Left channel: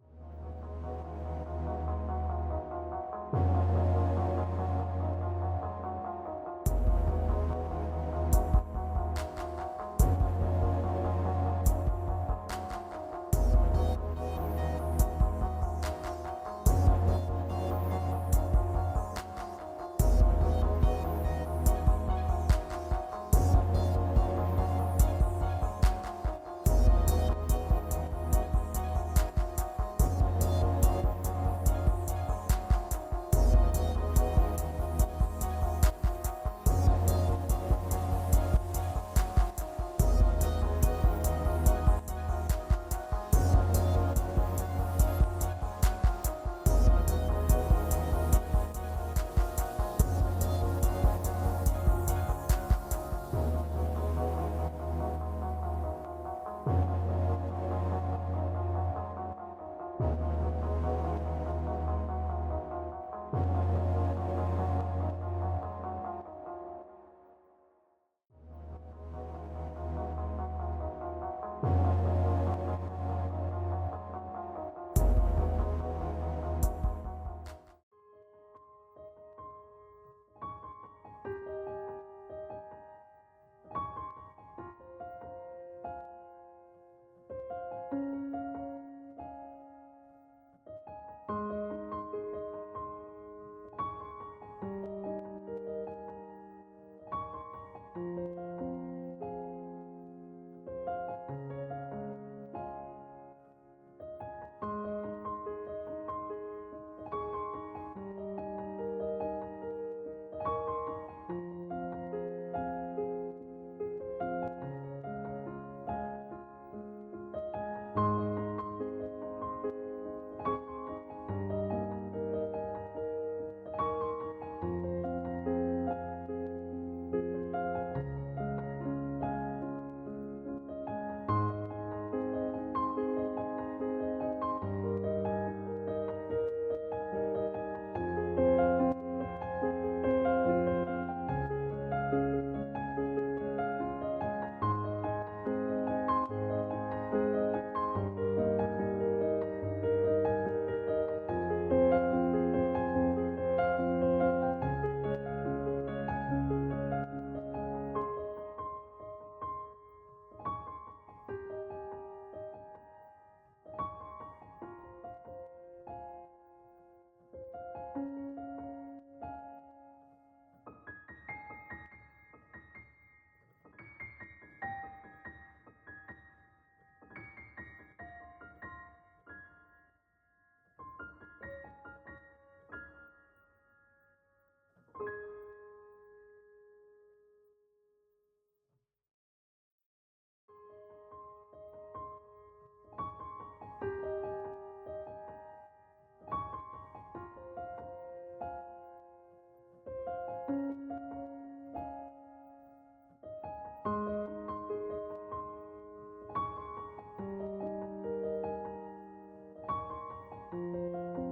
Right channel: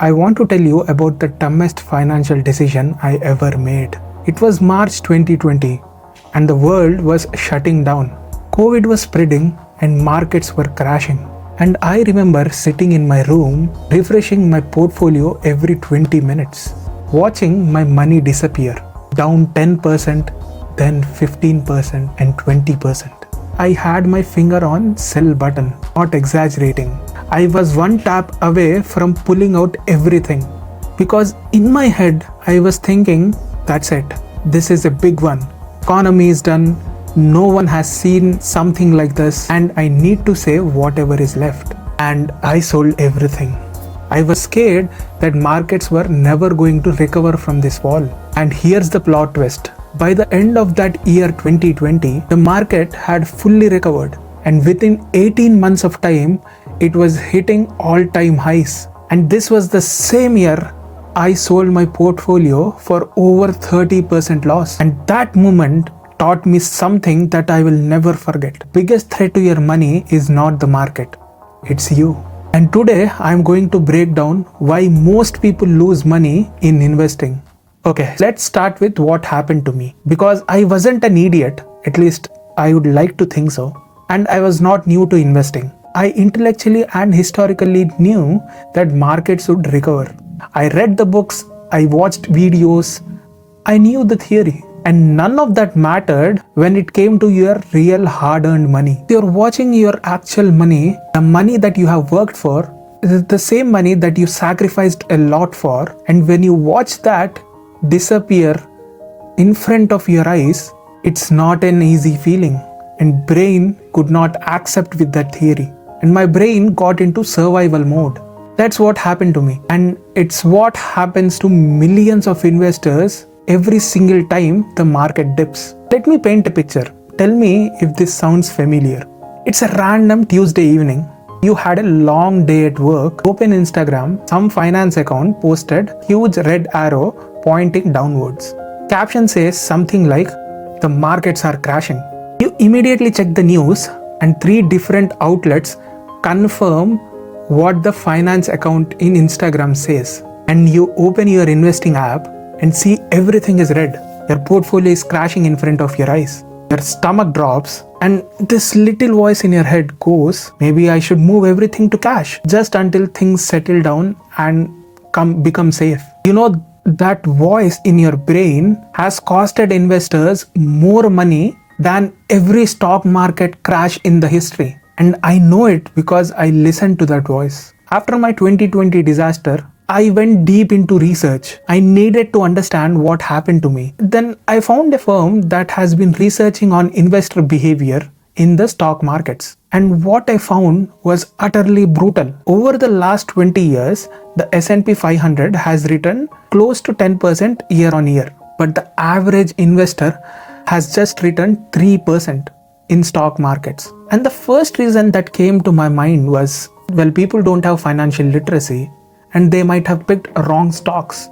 I want to tell you about the dumbest financial decision I ever made. It was March 2020 and the world was shutting down. COVID was spreading and markets were crashing. And I remember sitting in my room, refreshing my portfolio every 20 minutes, watching my money disappear, down 10%, then 15% and 20%. I had my finger on sell button, not exaggerating. I was one tap away from pulling out everything. Because in my head, I was thinking, that's it. This is a big one. Economy is done. No one has seen something like this and I need to save whatever is left. And I sold everything. I was scared that markets were never going to recover from this fall. And here's the plot twist. By the end of that year 2020, the market had fully recovered. And within 18 months of time, it was hitting all-time highs. And this was the same year I sold my portfolio for over 30% loss. And that moment taught me something that I will never forget. Biggest threat to your money is not the market, it's you. And today I'm going to break down why most people lose money in investing. Okay, let's start with what happened to me. Because I wasn't an idiot, at least I would like to think so. And I was not new to investing. I intellectually and historically knew that markets would recover. I read the books, I watched videos, I knew the theory. And none of that mattered when it came to your real hard-earned money. You're watching your actual money, the money that you have worked for, is the same money that you sacrificed a lot for. And when you watch that disappear in front of your eyes, it's not an easy feeling. And brain could not accept with that theory. And my brain got into survival mode. That's what happened to me. And it's what happens to millions of investors every single time the market dips. Let me paint a picture. Tell me if this sounds familiar. It's a random Tuesday evening. You had a long day at work, open Instagram, some finance account posted huge red arrow pointing downwards. Caption says something like, the markets are crashing. You immediately check the news and 3 different outlets confirm what the finance account in Instagram says. And you open your investing app and see everything is red. Your portfolio is crashing in front of your eyes. Your stomach drops and this little voice in your head goes, maybe I should move everything to cash just until things settle down and become safe. You know, that voice in your brain has costed investors more money than every stock market crash in the history. And I know it because I listened to that voice. After my 2020 disaster, I went deep into research. I needed to understand what happened to me. Then I found a firm that has been researching on investor behavior in the stock markets. And what I found was utterly brutal. Over the last 20 years, the S&P 500 has returned close to 10% year on year. But the average investor has just returned 3% in stock markets. And the first reason that came to my mind was, well, people don't have financial literacy and they might have picked wrong stocks.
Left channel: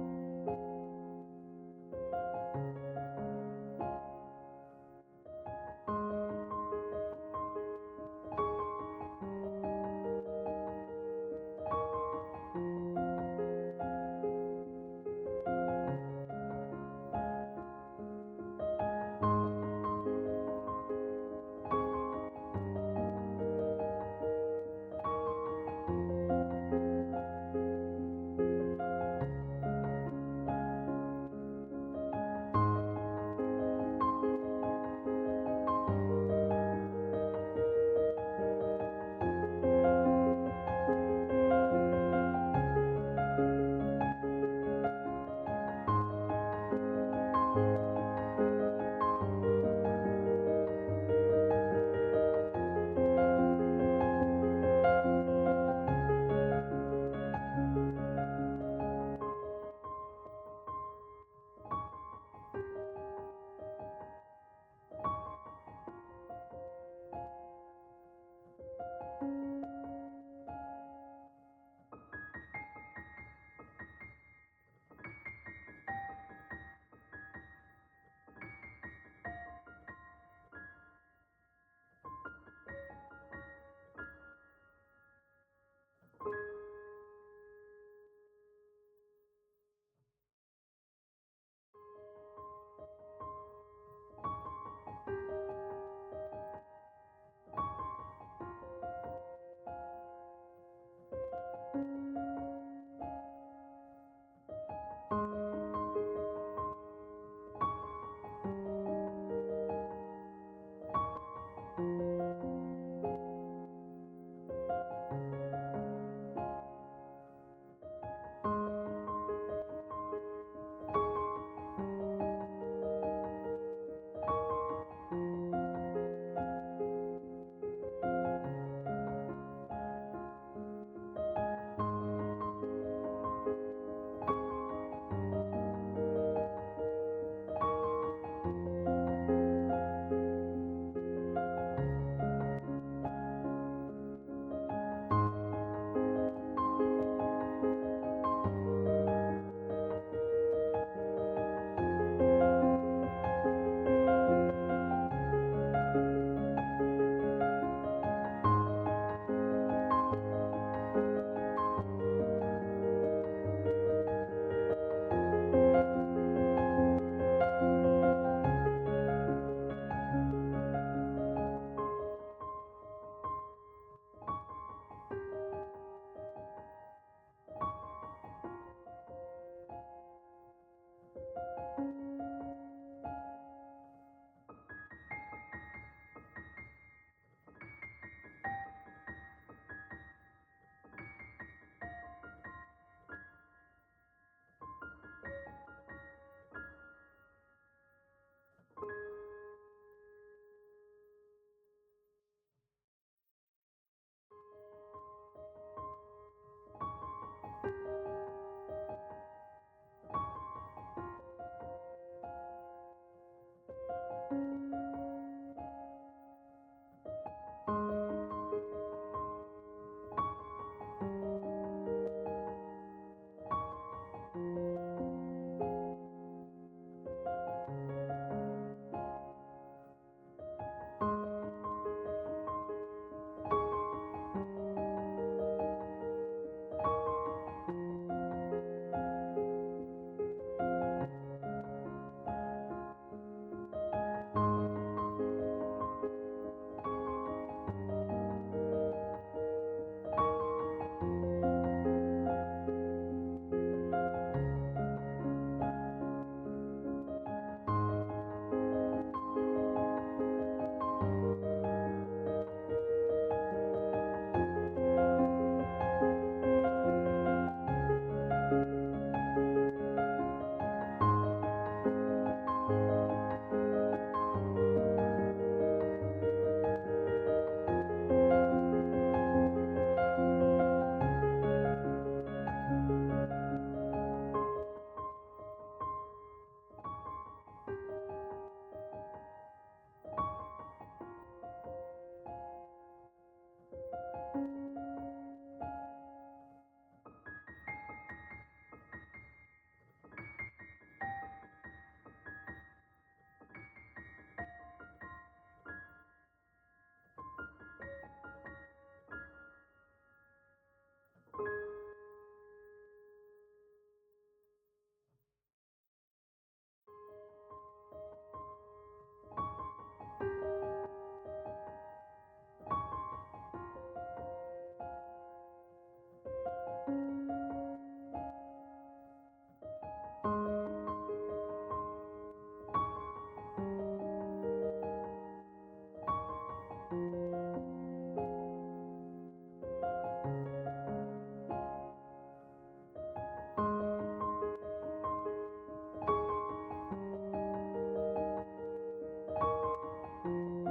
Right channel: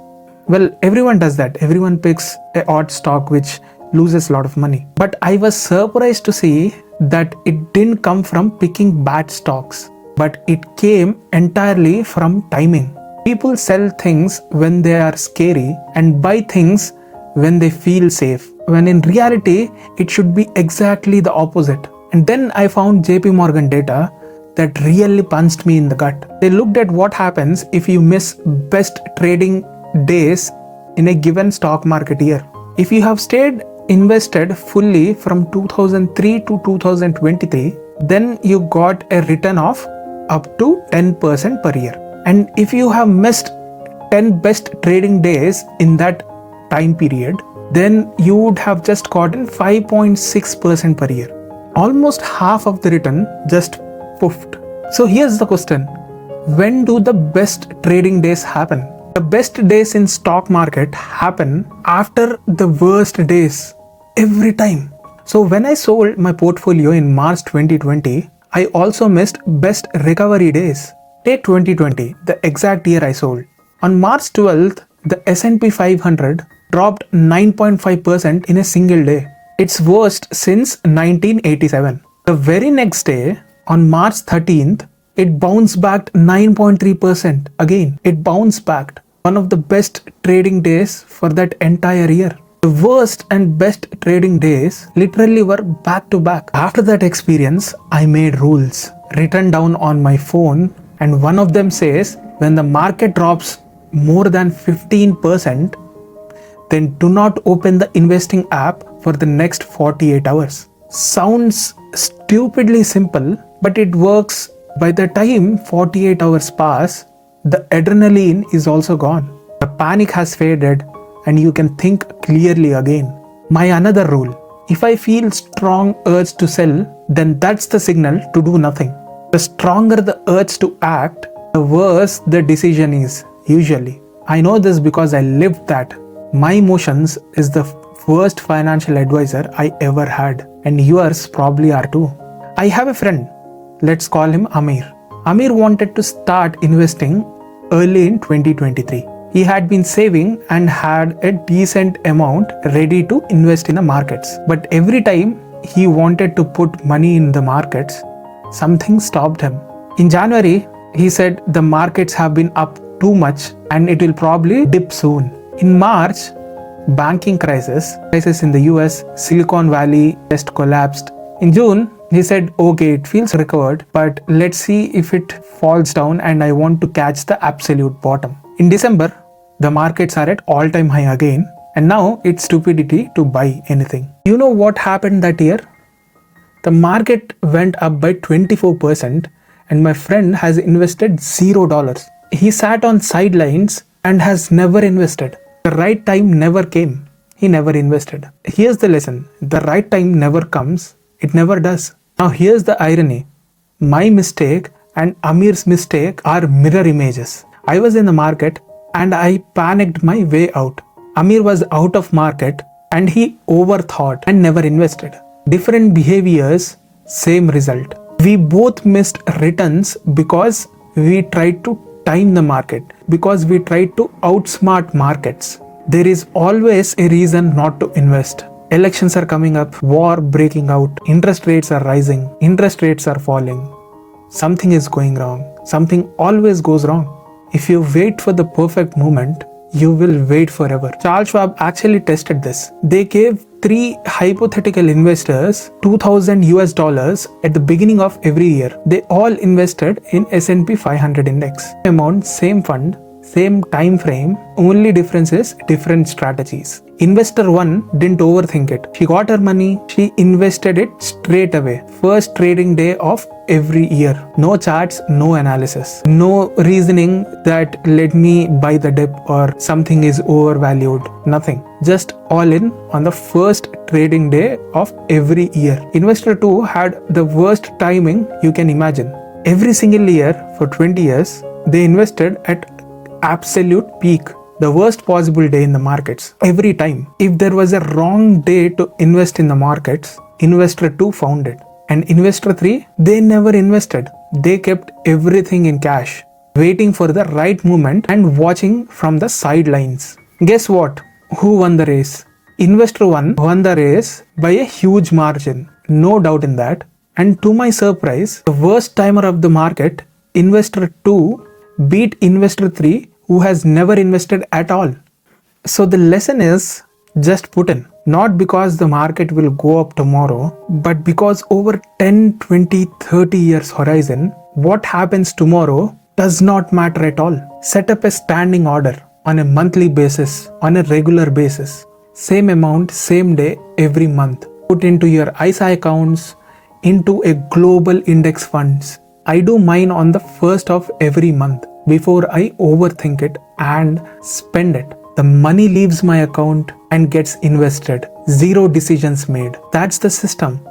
Well, everyone does that. Everyone picks an odd stock which loses a lot of money. But I was surprised to see that it didn't come from picking bad stocks, but it came entirely from timing. People sell things when they are scary and buy things when they feel safe, when in reality, it should be exactly the opposite. And then I found JP Morgan data that really punched me in the gut. They looked at what happens if you miss best trading days in a given stock market year. If you have stayed invested fully from 2003 to 2023, then you got a return of up to 10% per year. And if you have missed 10 best trading days in that time period, then you would have just gotten 5.6% per year. Almost half of the return just poofed. So here's the question. When do the best trading days happen? The best days in stock market happen after the worst days every time. So when I sold my portfolio in March 2020, I also missed best recovery days. Take 2020, the exact year I sold. On March 12th, the S&P 500 dropped 9.5% in a single day. Its worst since 1987. The very next day, on March 13th, It bounced back 9.3% again. It bounced back. One of the best trading days for that entire year. The worst and best trading days literally were back to back. After that experience, I made rules written down on my phone, and one of them says when the market drops more than 15%, then do not open the investing app for the next 48 hours. Sounds stupidly simple, but it works. By the time 48 hours pass, the adrenaline is also gone. The panic has faded and you can think clearly again. My another rule, if I feel strong urge to sell, then that's the signal to do nothing. The stronger the urge to act, the worse the decision is, usually. I know this because I lived that. My emotions is the worst financial advisor I ever had, and yours probably are too. I have a friend, let's call him Amir. Amir wanted to start investing early in 2023. He had been saving and had a decent amount ready to invest in the markets. But every time he wanted to put money in the markets, something stopped him. In January, he said the markets have been up too much and it will probably dip soon. In March, banking crisis in the US, Silicon Valley just collapsed. In June, he said, okay, it feels recovered, but let's see if it falls down and I want to catch the absolute bottom. In December, the markets are at all-time high again, and now it's stupidity to buy anything. You know what happened that year? The market went up by 24% and my friend has invested $0. He sat on sidelines and has never invested. The right time never came. He never invested. Here's the lesson. The right time never comes. It never does. Now here's the irony. My mistake and Amir's mistake are mirror images. I was in the market and I panicked my way out. Amir was out of market and he overthought and never invested. Different behaviors, same result. We both missed returns because we tried to time the market, because we tried to outsmart markets. There is always a reason not to invest. Elections are coming up, war breaking out, interest rates are rising, interest rates are falling. Something is going wrong. Something always goes wrong. If you wait for the perfect moment, you will wait forever. Charles Schwab actually tested this. They gave 3 hypothetical investors $2,000 at the beginning of every year. They all invested in S&P 500 index. Same amount, same fund, same time frame, only difference is different strategies. Investor 1 didn't overthink it. She got her money, she invested it straight away. First trading day of every year. No charts, no analysis. No reasoning that let me buy the dip or something is overvalued. Nothing. Just all in on the first trading day of every year. Investor 2 had the worst timing you can imagine. Every single year for 20 years, they invested at absolute peak, the worst possible day in the markets. Every time, if there was a wrong day to invest in the markets, investor 2 found it. And investor 3, they never invested. They kept everything in cash, waiting for the right moment and watching from the sidelines. Guess what? Who won the race? Investor 1 won the race by a huge margin. No doubt in that. And to my surprise, the worst timer of the market, investor 2, beat investor 3 who has never invested at all. So the lesson is just put in. Not because the market will go up tomorrow, but because over 10, 20, 30 years horizon, what happens tomorrow does not matter at all. Set up a standing order on a monthly basis, on a regular basis. Same amount, same day, every month. Put into your ISA accounts, into a global index funds. I do mine on the first of every month before I overthink it and spend it. The money leaves my account and gets invested. Zero decisions made. That's the system.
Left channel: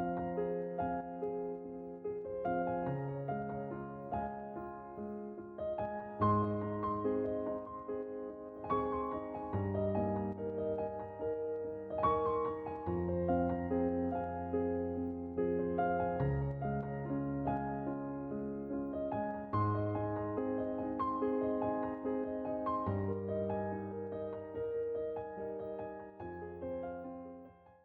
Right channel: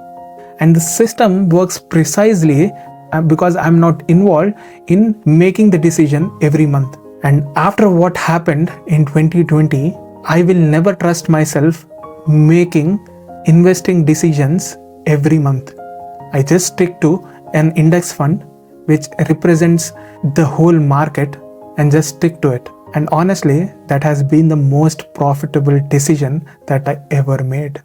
And the system works precisely because I'm not involved in making the decision every month. And after what happened in 2020, I will never trust myself making investing decisions every month. I just stick to an index fund which represents the whole market and just stick to it. And honestly, that has been the most profitable decision that I ever made.